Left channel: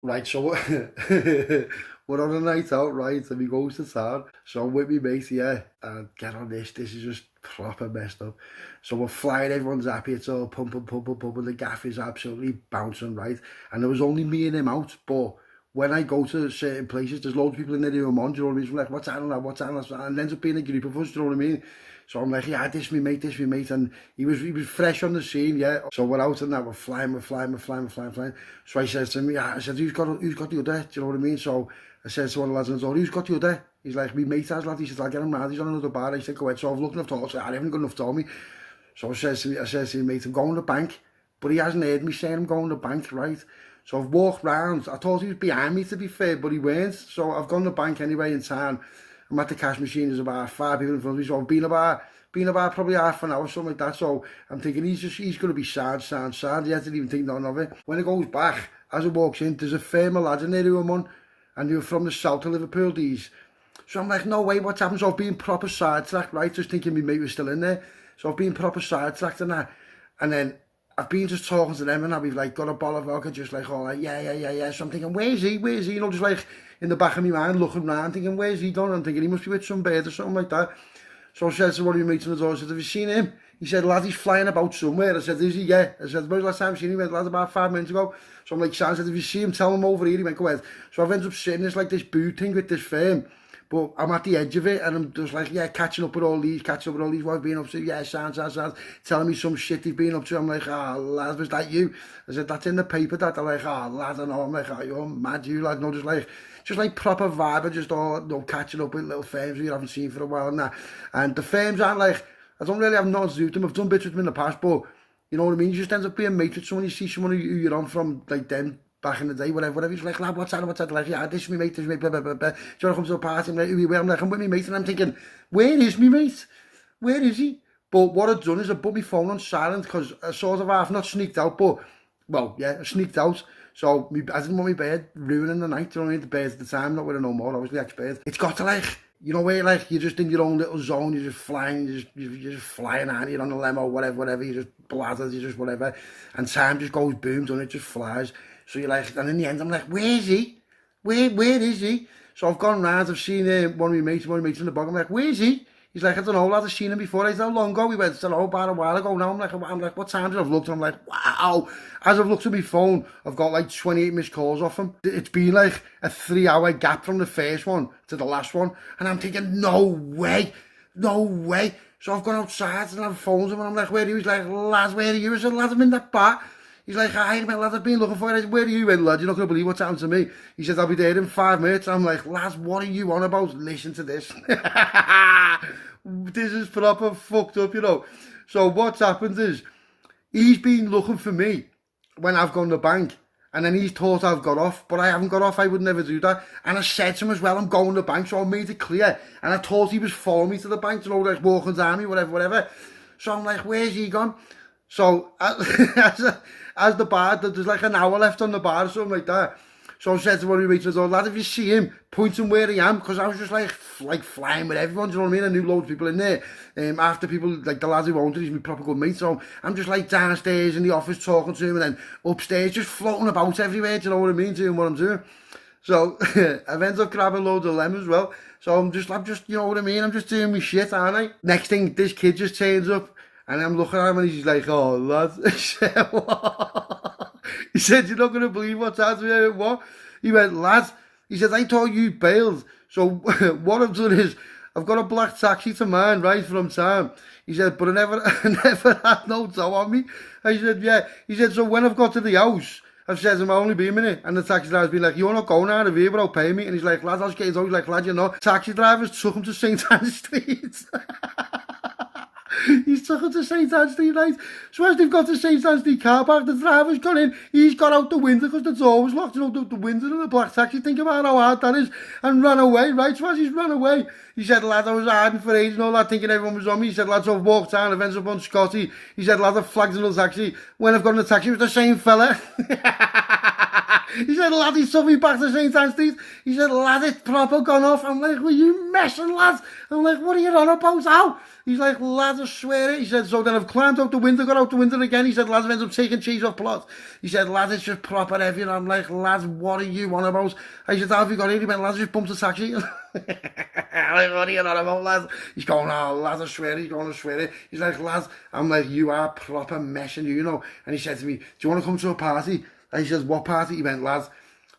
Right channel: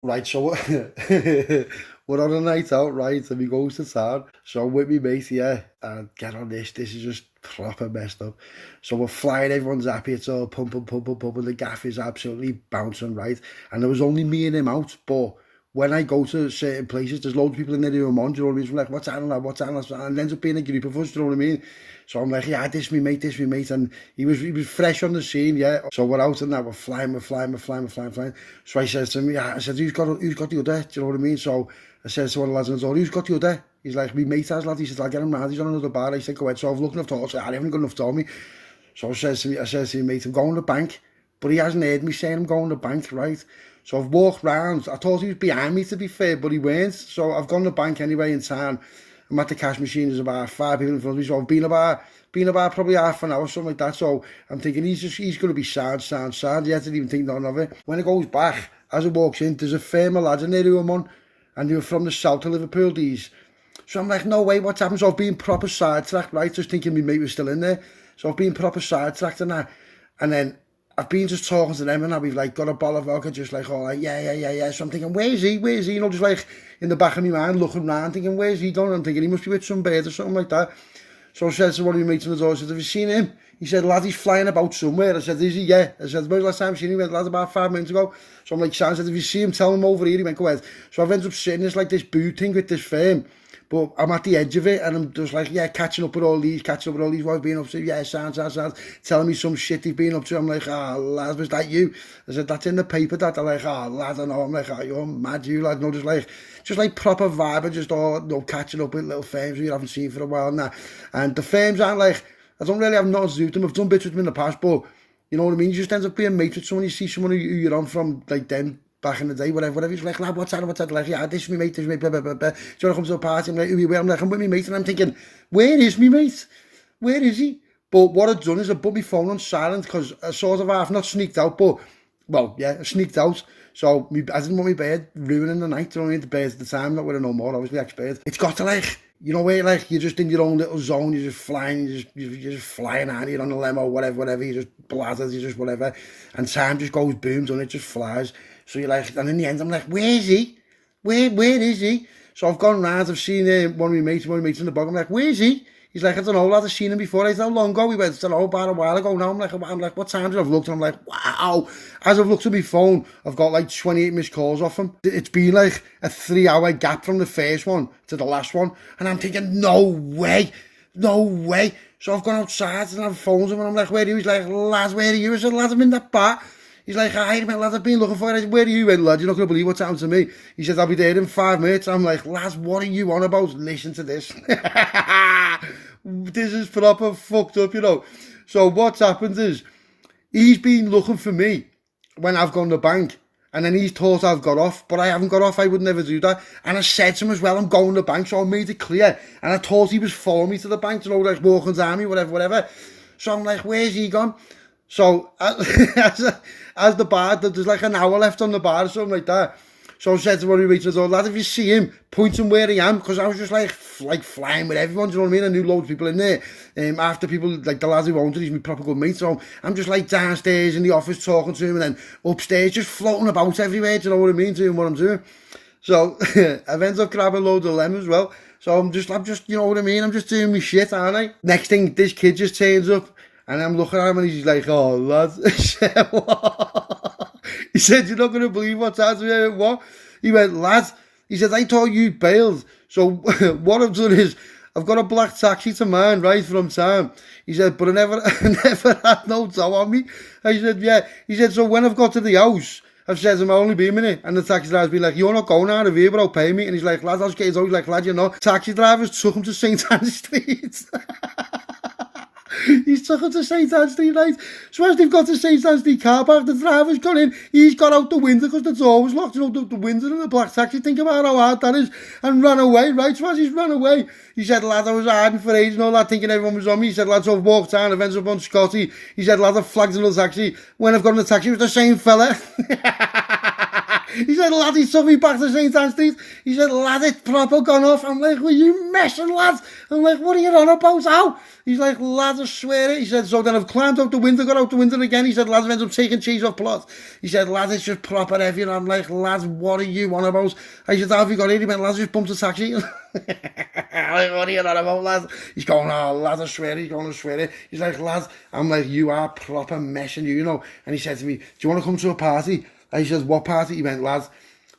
Right, so we're on a night out, right, and we go to town. So I'm with me mate, yeah, and get on this. This is just proper messed up. So we're flying, everyone's happy, it's all pumping, pumping, pumping. The gaff is absolutely bouncing, right? And there was only me and him out, but when I go to certain places, there's loads of people in there who I'm on, do you know what I mean? So I'm like, what's happening, lad? What's happening? And it ends up being a group of us, do you know what I mean? So I'm like, yeah, this me mate, and he was fresh on the scene, yeah. So we're out and that, we're flying, we're flying. So I says to him, yeah, I said, who's got the other? Do you know what I mean? So I says to one of the lads on the door, who's got the other? He's like, me mate has, lad. He says, I'll get him round, he's on another bar. I said, go ahead. So I've looked enough to, I said, I haven't got enough to me. So I says to me, mate, I'm going to the bank. But he hasn't heard me saying I'm going to the bank, right? So I've walked round. I thought he was behind me, to be fair, but he weren't. So I've gone to the bank anyway in time. I'm at the cash machine, there's about 5 people in front of me. So I've been about probably half an hour, something like that. So I'm thinking he's going to be sad. He hasn't even think none of it. When it goes back, as it walks in, there's a firm of lads in there who I'm on, and they were from the south of Liverpool, these. So I'm like, no way, what's happened? So I've been proper sidetracked, right? Just thinking my mate was still in there. So I've been proper sidetracked and that. And then I've been just talking to them and I've like got a bottle of vodka, just like, all like, yeah. So I'm thinking, where's he? You know, just like in the back of my mind, looking around, thinking, where's he gone? I'm thinking he must be with some bird or something like that. So I said to one of my mates on the door, I said, have you seen him? He said, lad, he's flying about somewhere. I said, is he? Yeah. I said, when was the last time you seen him? He went, lad, about 5 minutes ago. So I'm like, Sam, I said, if you see him, tell him over here. He went, go ahead. So I've ended up sitting this like this booth thing with this firm. But I'm at the edge of it and I'm just like, yeah, catching up with all these, what I've been up to. Yeah, sounds. Telling me some shit they've been up to. I'm like, lad, was that you? I said, that's in the paper, that. They're like, lad, I know. I'm like, you're mad, you, lad. No, just like proper vibe, just all, catching up with little firms you haven't seen for a while and that. And the firms aren't like, I don't really have nothing to do with them. I've done bits with them in the past, but you know what I mean? You just end up being mates with someone, you see someone who you're on from, like, them back in the day, whatever. He's like, lad, what's that? Like, yeah, this is me mate, blah, blah, blah, blah. Do you want to come to a party? I'm like, who you with? I'm like, I'm with me mate. And I'm thinking, where is me mate? Where is he? But what I've done is I put my phone on silent because I sort of half not sneaked out, but, well, yeah, I sneaked out. So I didn't want my bed ruining the night, you know what I mean? The bed at the time, not with it no more, I was the ex-bed. It's got to like, you know where like you're just in your own little zone, you're just flying, you're just flying out, you're on a limo, whatever, you just blathered, you just whatever, and time just goes boom, and it just flies. So you're like, and in the end, I'm like, where is he? Where is he? So I've gone round, I've seen one of my mates in the bog. I'm like, where is he? He's like, I don't know, lad, I've seen him before. I said, how long ago? He went, I don't know, about a while ago now. I'm like, what time did I've looked? And I'm like, wow. As I've looked at my phone, I've got like 28 missed calls off him. It's been like a 3-hour gap from the first one to the last one. And I'm thinking, no way. So I've gone outside and I've phoned him and I'm like, where are you? He's like, lad, where are you? I said, lad, I'm in that bar. He's like, hi, man, lad, I've been looking for you. I said, where are you, lad? You're not going to believe what's happened to me. He said, I'll be there in 5 minutes. I'm like, lads, what are you on about? Listen to this. This is proper fucked up, you know. So what's happened is, he's been looking for me when I've gone to the bank. And then he's thought I've got off, but I haven't got off. I would never do that. And I said to him as well, I'm going to the bank, so I made it clear. And I thought he was following me to the bank, you know, like walking down me, whatever. So I'm like, where's he gone? So as the bar, there's like an hour left on the bar or something like that. So I said to one of my mates, I said, lad, if you see him, point him where I am, because I was just like flying with everyone, do you know what I mean? I knew loads of people in there. After people, like the lads who owned it, he's my proper good mate. So I'm just like downstairs in the office talking to him, and then upstairs just floating about everywhere, do you know what I mean, doing what I'm doing. So I've ended up grabbing loads of lemons as well. So I'm just, you know what I mean? I'm just doing my shit, aren't I? Next thing, this kid just turns up. And I'm looking at him and he's like, oh, lad. He said, what? He said, you're not going to believe what's happened to me. What? He went, lad. He said, I thought you bailed. So what I've done is, I've got a black taxi to mine right from town. He said, but I never had no dough on me. I said, yeah. He said, so when I've got to the house, I've said to him, I'll only be a minute. And the taxi driver's been like, you're not going out of here without paying me. And he's like, lad, I'll just get his own. He's like, lad, you're not. Taxi drivers took him to St. Anne's Street. He's took him to St. Anne's Street, right? So as they've got to St. Anne's Street car park, the driver's gone in, he's got out the window because the door was locked, you know, the window in the black taxi. Think about how hard that is, and ran away, right? So as he's run away, he said, lad, I was hiding for ages and all that, thinking everyone was on me. He said, lad, so I've walked down, I've ended up on Scotty. He said, lad, I've flagged another taxi. When I've got in the taxi, it was the same fella. He said, lad, he took me back to St. Anne's Street. He said, lad, it's proper gone off. I'm like, were you messing, lads? I'm like, what are you on about? How? He's like, lad, swear it. He said, so then I've climbed out the window, got out the window again. He said, lads, I've ended up taking cheese off plot. He said, lads, it's just proper heavy. And I'm like, lads, what are you on about? I said, how have you got here? He went, lads, just bumped a taxi. I'm like, what are you on about, lads? He's going, oh, lads, I swear it. He's going, I swear it. He's like, lads, I'm like, you are proper messing you know. And he said to me, do you want to come to a party? I said, what party? He went, lads,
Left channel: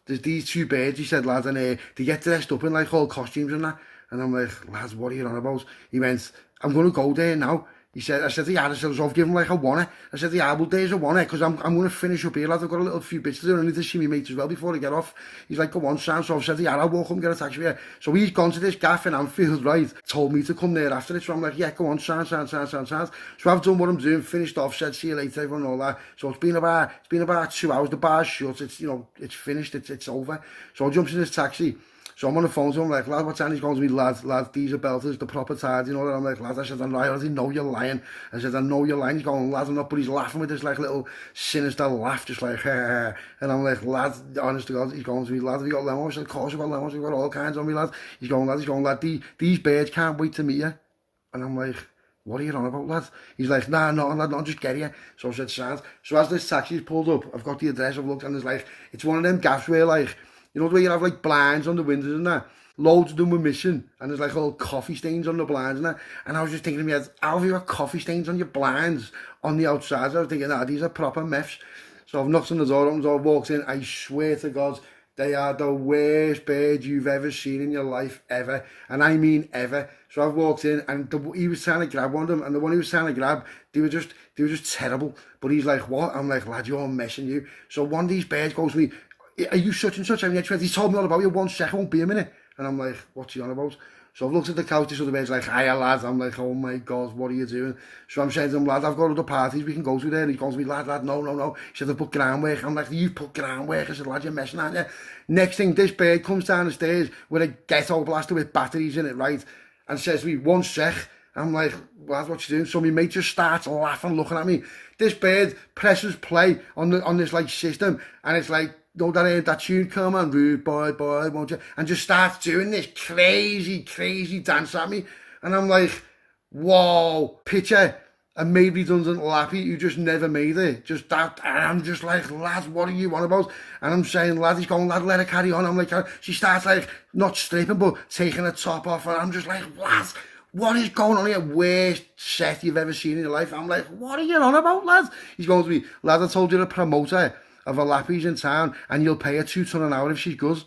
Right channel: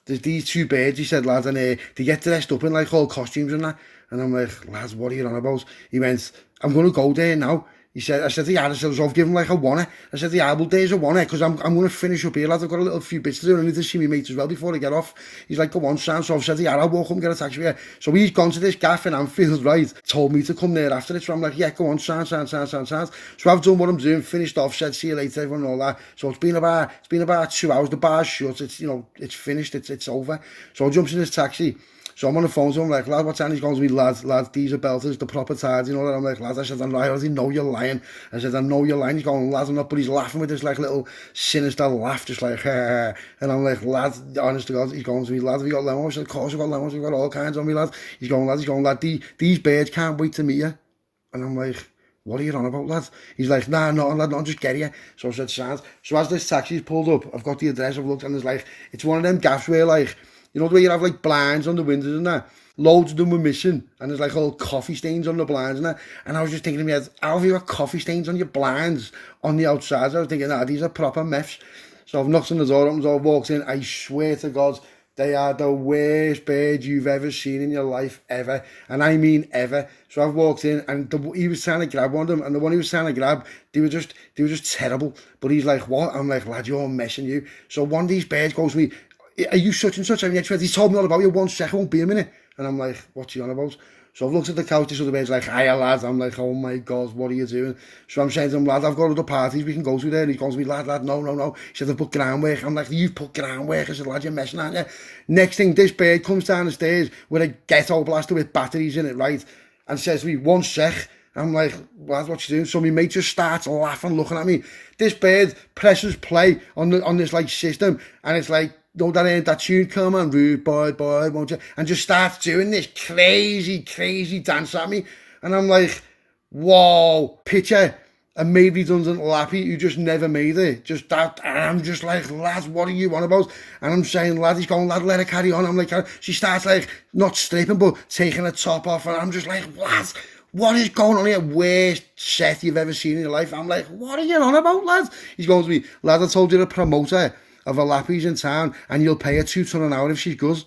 there's these two birds, he said, lads, and they get dressed up in like all costumes and that. And I'm like, lads, what are you on about? He went, I'm going to go there now. He said, I said, yeah, I said, so I've given like a one. I said, yeah, well, there's a one, because I'm going to finish up here, lads. I've got a little few bits to do. I need to see my mates as well before I get off. He's like, go on, Sam. So I've said, yeah, I'll walk up and get a taxi here. So he's gone to this gaff in Anfield, right? Told me to come there after it. So I'm like, yeah, go on, Sam. So I've done what I'm doing, finished off, said, see you later, everyone, and all that. So it's been about 2 hours. The bar's shut. It's, you know, it's finished. It's over. So I jump in this taxi. So I'm on the phone to him, like, lad, what's that? He's going to me, lads, these are belters, the proper tides, you know what I'm like, lads, I said, I already know you're lying. I said, I know you're lying. He's going, lads, I'm not, but he's laughing with this, like, little sinister laugh, just like, and I'm like, lads, honest to God, he's going to me, lads, have you got lemons? I said, of course I've got lemons, we've got all kinds on me, lads. He's going, lad, these birds can't wait to meet you. And I'm like, what are you on about, lads? He's like, nah, no, lad, no, just get here. So I said, sound. So as this taxi's pulled up, I've got the address, I've looked, and there's like, it's one of them gaffs where, like, you know the way you have like blinds on the windows and that? Loads of them were missing, and there's like all coffee stains on the blinds and that. And I was just thinking to me, how have you got coffee stains on your blinds on the outside? So I was thinking, these are proper meths. So I've knocked on the door, and I walked in. I swear to God, they are the worst birds you've ever seen in your life, ever. And I mean ever. So I've walked in, and he was trying to grab one of them, and the one he was trying to grab, they were just terrible. But he's like, what? I'm like, lad, you're messing you. So one of these birds goes to me, are you such and such? I mean, he told me all about you. 1 second, won't be a minute. And I'm like, what's he on about? So I've looked at the couch, this other bird's like, hiya, lads. I'm like, oh my God, what are you doing? So I'm saying to him, lad, I've got other parties we can go to there. And he goes to me, lad, no. He said, I've put groundwork. I'm like, you've put groundwork. I said, lad, you're messing, aren't you? Next thing, this bird comes down the stairs with a ghetto blaster with batteries in it, right? And says to me, 1 sec. I'm like, lad, what you doing? So my mate just starts laughing, looking at me. This bird presses play on this like system, and it's like, know that tune, come on, rude boy, won't you? And just starts doing this crazy dance at me. And I'm like, whoa, picture a made redundant lappy who just never made it. Just that. And I'm just like, lads, what are you on about? And I'm saying, lad, he's going, lad, let her carry on. I'm like, she starts like, not stripping, but taking her top off. And I'm just like, lads, what is going on here? Worst set you've ever seen in your life. I'm like, what are you on about, lads? He's going to me, lad, I told you the promoter of a lappies in town, and you'll pay her £2 an hour if she's good.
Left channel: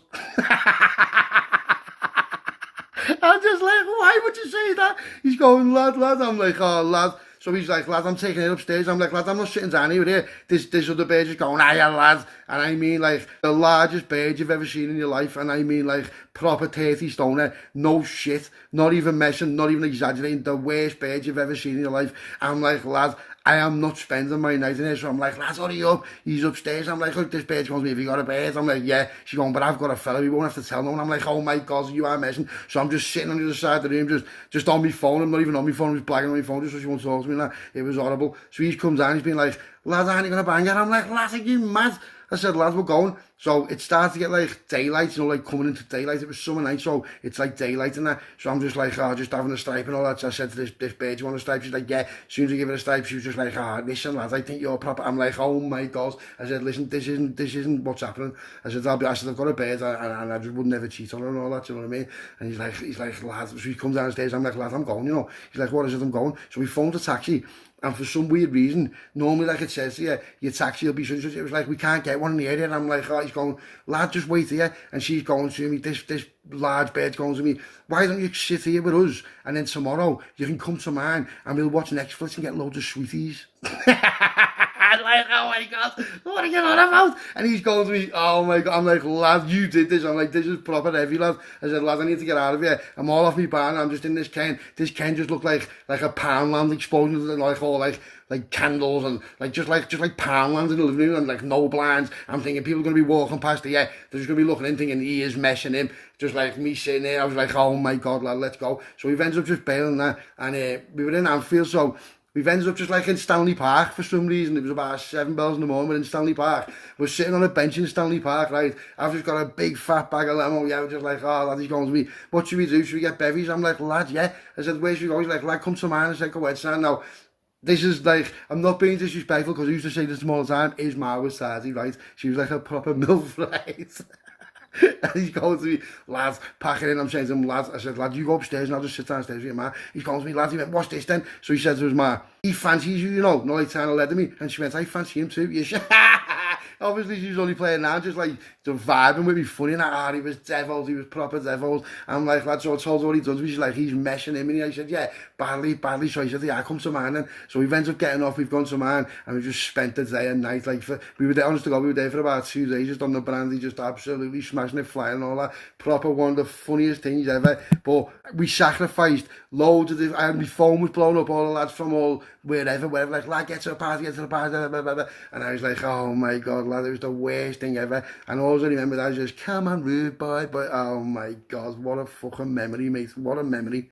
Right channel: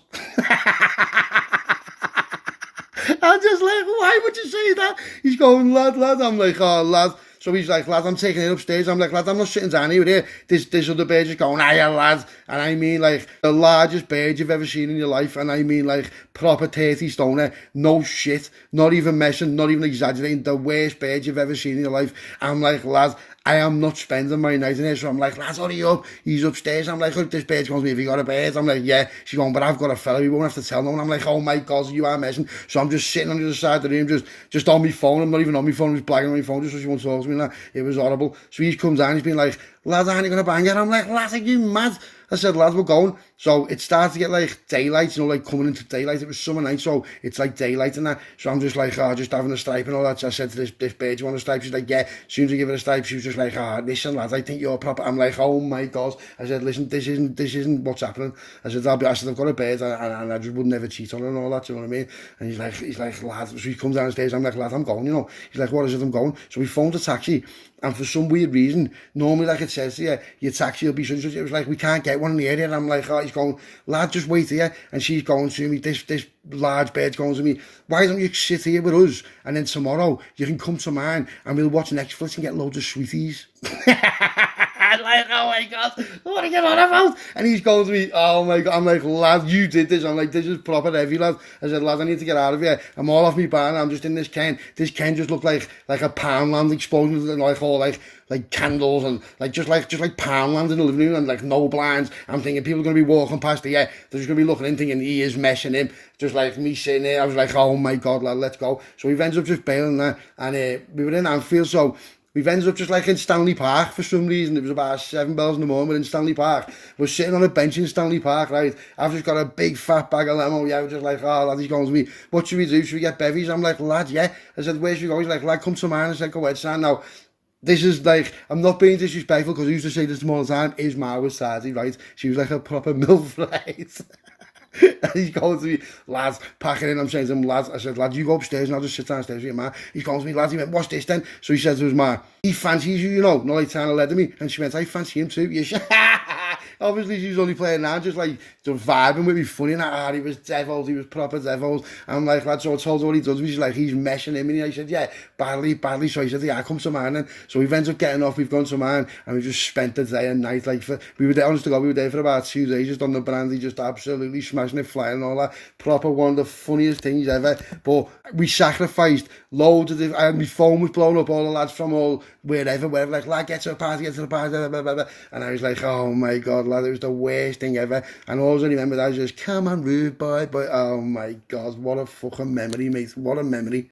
I'm just like, why would you say that? He's going, lad. I'm like, oh, lad. So he's like, lad, I'm taking it upstairs. I'm like, lad, I'm not sitting down here. This other bird is going, hiya, lad. And I mean, like, the largest bird you've ever seen in your life. And I mean, like, proper 30 stoner. No shit. Not even messing, not even exaggerating. The worst bird you've ever seen in your life. I'm like, lad, I am not spending my night in here. So I'm like, lads, hurry up. He's upstairs. I'm like, look, this bird's going to me, have you got a bird? I'm like, yeah. She's going, but I've got a fella. We won't have to tell no one. I'm like, oh my God, you are messing. So I'm just sitting on the other side of the room, just on my phone. I'm not even on my phone. I'm just blagging on my phone just so she won't talk to me. Like, it was horrible. So he comes down. He's been like, lad, aren't you going to bang her? I'm like, lad, are you mad? I said, lads, we're going. So it started to get like daylight, you know, like coming into daylight. It was summer night, so it's like daylight and that. So I'm just like, just having a stripe and all that. So I said to this bird, you want a stripe? She's like, yeah. As soon as I give her a stripe, she was just like, listen, lads, I think you're proper. I'm like, oh my God. I said, listen, this isn't what's happening. I said, I've got a bird and I just would never cheat on her and all that, you know what I mean? And he's like, lad. So he comes downstairs, I'm like, lad, I'm going, you know. He's like, what is it, I'm going? So we phoned a taxi. And for some weird reason, normally, like it says here, your taxi will be such. It was like, we can't get one in the area. And I'm like, he's going, lad, just wait here. And she's going to me, this large bird's going to me, why don't you sit here with us? And then tomorrow, you can come to mine and we'll watch Netflix and get loads of sweeties. I'm like, oh my God, what are you on about? And he's going to me, oh my God. I'm like, lad, you did this. I'm like, this is proper heavy, lad. I said, lad, I need to get out of here. I'm all off my barn. I'm just in this Ken. This Ken just looked like a Poundland explosion, like all like candles and just like Poundland in the living room and like no blinds. I'm thinking people are going to be walking past here. They're just going to be looking in thinking he is meshing him. Just like me sitting there. I was like, oh my God, lad, let's go. So we ended up just bailing that. And we were in Anfield, so We've ended up just like in Stanley Park for some reason. It was about 7 bells in the morning, we're in Stanley Park. We're sitting on a bench in Stanley Park, right? I've just got a big fat bag of limo. Yeah, we're just like, oh, lad, he's going to me. What should we do? Should we get bevies? I'm like, lad, yeah. I said, where should we go? He's like, lad, come to mine. I said, go ahead, son. Now, this is like, I'm not being disrespectful because I used to say this to him all the time. His ma was 30, right? She was like a proper MILF, right? And he's going to me, lads, packing in. I'm saying to him, lads, I said, lad, you go upstairs and I'll just sit downstairs with your man. He's going to me, lads, he went, what's this then? So he said to his man, he fancies you, you know, not like trying to lead me. And she went, I fancy him too. Yeah, obviously she was only playing now, just like just vibing with me, funny. And he was devils, he was proper devils. I'm like, lad, so I told her what he does. She's like, he's meshing him. And I said, yeah, badly. So he said, yeah, come to mine then. So we've ended up getting off, we've gone to mine, and we just spent the day and night. Like, we were there, honest to God, we were there for about 2 days, just on the brandy, just absolutely smashing it, flying and all that. Proper one of the funniest things ever. But we sacrificed loads of the, my phone was blown up, all the lads from all wherever, like, lad, get to the party, blah, blah, blah. And I was like, oh my God, lad, it was the worst thing ever. And all I remember, I was just, come on, rude boy. But oh my God, what a fucking memory, mate. What a memory.